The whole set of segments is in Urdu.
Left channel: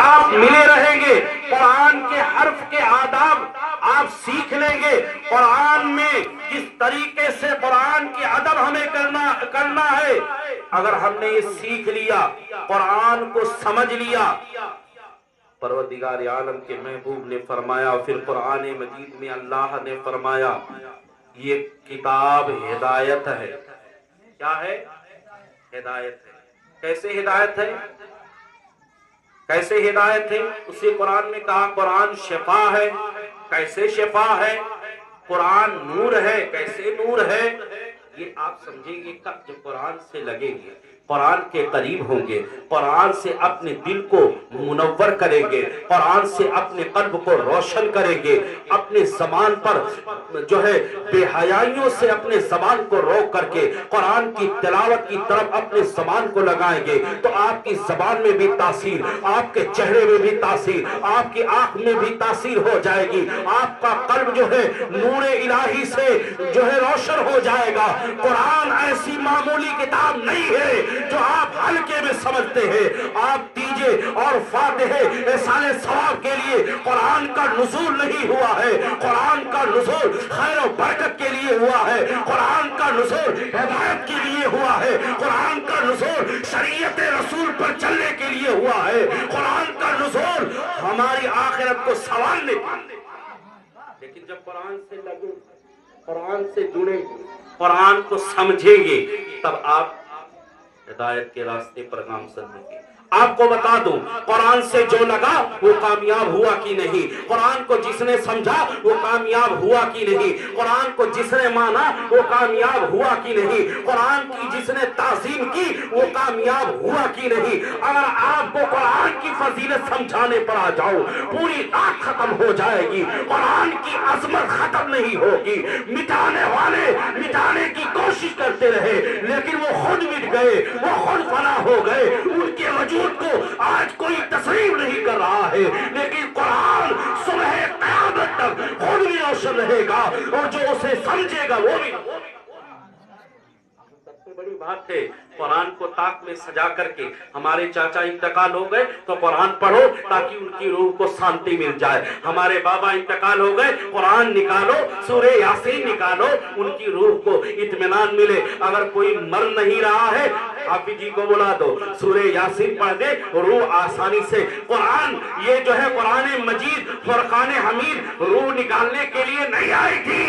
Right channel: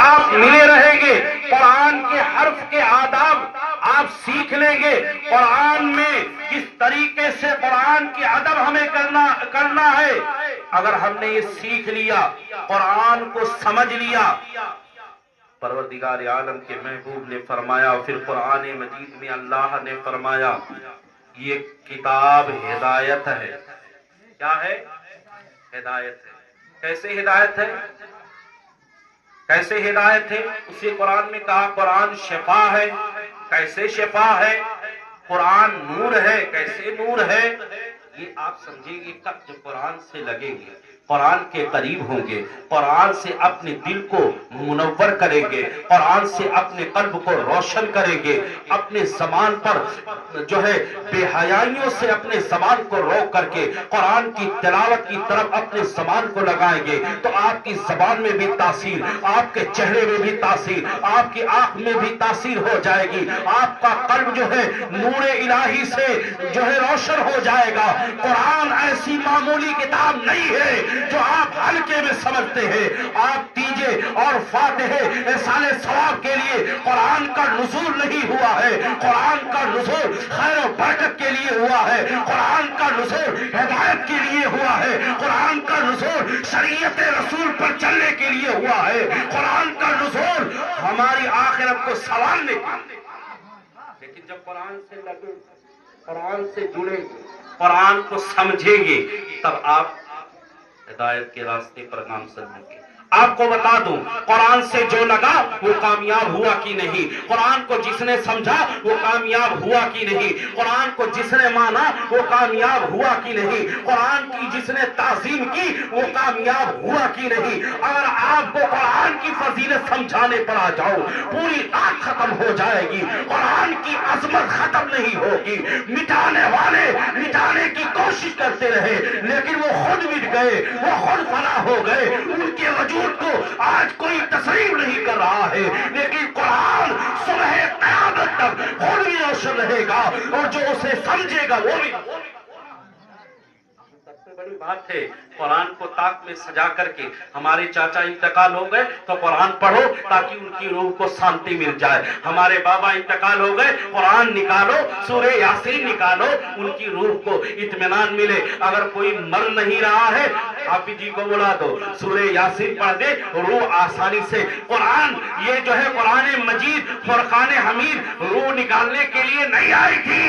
آپ ملے رہیں گے، قرآن کے حرف کے آداب آپ سیکھ لیں گے، قرآن میں کس طریقے سے قرآن کی ادب ہمیں کرنا ہے۔ اگر ہم نے یہ سیکھ لیا، قرآن کو سمجھ لیا، پروردگار عالم کے محبوب نے فرمایا، پھر قرآن مجید میں اللہ نے فرمایا یہ کتاب ہدایت ہے۔ کیا ہے؟ ہدایت ہے۔ کیسے ہدایت ہے؟ کیسے ہدایت ہے؟ اسی قرآن میں کہا قرآن شفا ہے۔ کیسے شفا ہے؟ قرآن نور ہے۔ کیسے نور ہے؟ یہ آپ سمجھیں گے کب جب قرآن سے لگیں گے، قرآن کے قریب ہوں گے، قرآن سے اپنے دل کو منور کریں گے، قرآن سے اپنے قلب کو روشن کریں گے، اپنے زبان پر جو ہے بے حیائیوں سے اپنے زبان کو روک کر کے قرآن کی تلاوت کی طرف اپنے زبان کو لگائیں گے تو آپ کی زبان میں بھی تاثیر، آپ کے چہرے میں بھی تاثیر، آپ کی آنکھ میں بھی تاثیر ہو جائے گی، آپ کا قلب جو ہے نور الہی سے جو ہے روشن ہو جائے گا۔ قرآن ایسی معمولی کتاب نہیں ہے جو آپ ہلکے میں سمجھتے ہیں۔ آپ تیجے اور فاتحے احسان ثواب کے لیے قرآن کا نزول نہیں ہوا ہے، قرآن کا نزول خیر و برکت کے لیے ہوا ہے، قرآن کا نزول ہدایت کے لیے ہوا ہے، قرآن کا نزول شریعت رسول پر چلنے کے لیے ہوا ہے، قرآن کا نزول ہماری آخرت کو سنوارنے کے لیے۔ لیکن جب قرآن سے لگے، قرآن سے جڑیں گے، قرآن کو سمجھیں گے، تب آپ ہدایت کے راستے پر گامزن ہوں گے۔ آپ کو بتا دوں، قرآن سے جو لگا وہ کامیاب ہوا کی نہیں، قرآن کو جس نے سمجھا وہ کامیاب ہوا کی نہیں، قرآن کو جس نے مانا وہ کامیاب ہوا کی نہیں، قرآن کی جس نے تعظیم کی وہ کامیاب ہوا کی نہیں۔ اگر آپ کو قرآن کی فضیلت سمجھانے پر آ جاؤ، پوری رات ختم ہو جائے گی، قرآن کی عظمت ختم نہیں ہوگی۔ مٹانے والے مٹانے کی کوشش کرتے رہے لیکن وہ خود مٹ گئے، وہ خود فنا ہو گئے، ان کے وجود کو آج کوئی تسلیم نہیں کر رہا ہے، لیکن قرآن صبح قیامت تک خود بھی روشن رہے گا اور جو اسے سمجھے گا وہ بھی۔ سب سے بڑی بات ہے قرآن کو طاق میں سجا کر کے، ہمارے چاچا انتقال ہو گئے تو قرآن پڑھو تاکہ ان کی روح کو شانتی مل جائے، ہمارے بابا انتقال ہو گئے قرآن نکالو، سورہ یاسین نکالو، ان کی روح کو اطمینان ملے۔ اگر کوئی مر نہیں رہا ہے حافظ جی کو بلا دو، سورہ یاسین پڑھ دے، روح آسانی سے۔ قرآن یہ جو ہے قرآن مجید فرقان حمید روح نکالنے کے لیے نہیں آئی تھی،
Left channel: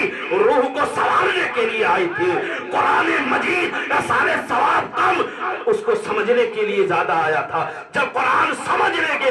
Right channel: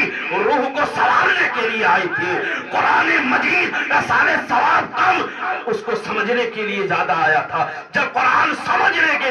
روح کو سنوارنے کے لیے آئی تھی۔ قرآن مجید سارے ثواب کم، اس کو سمجھنے کے لیے زیادہ آیا تھا۔ جب قرآن سمجھنے کے